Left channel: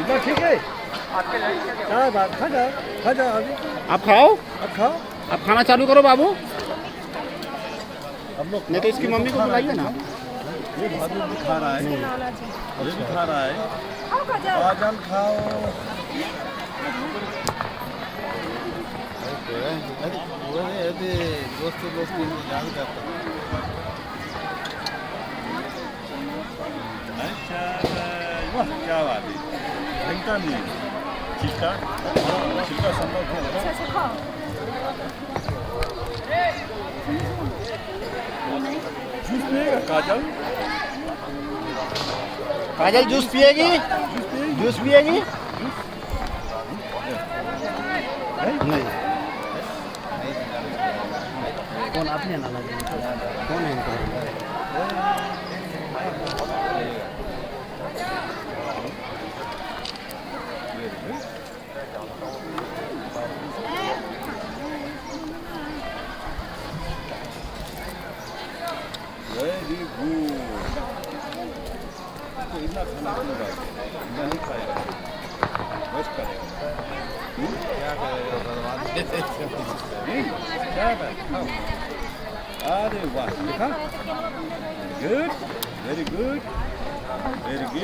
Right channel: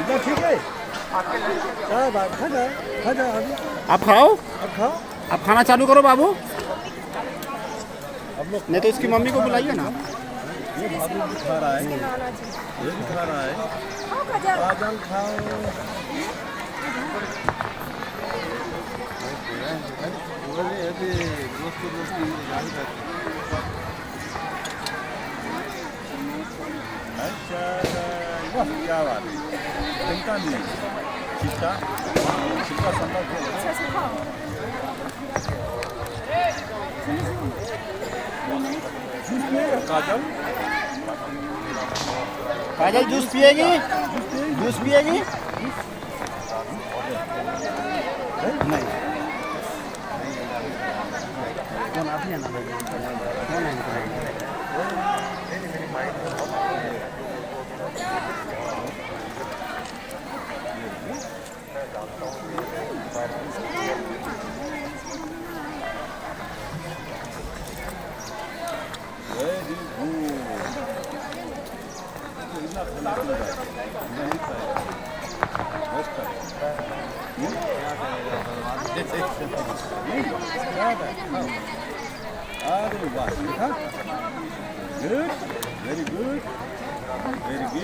इतना ठीक है। क्या बात, खा जा अभी। आप खाओ, अब खाओ। आप खाना चालू करो बाबू, अब लोग नहीं तो इसकी मम्मी को बुलाइए ना। ये भाभी भी खा रहा है, ये भी खा रहा है। काजल खाओ। अच्छा, वाह क्या बात है। फेंकता नहीं छिलका, छिलका संभव खेल। जूस पिएगा काजल? काजल जूस पिएगी? जूस पिएगी? नहीं। कौन आप नहीं ना, कौन नहीं वेरी गुड। तो इतना खाना चलेगा, इतना नहीं खाएगा, बस करेगा। क्या है खाओ। अरे वाह, देखा? Good, very good, very good.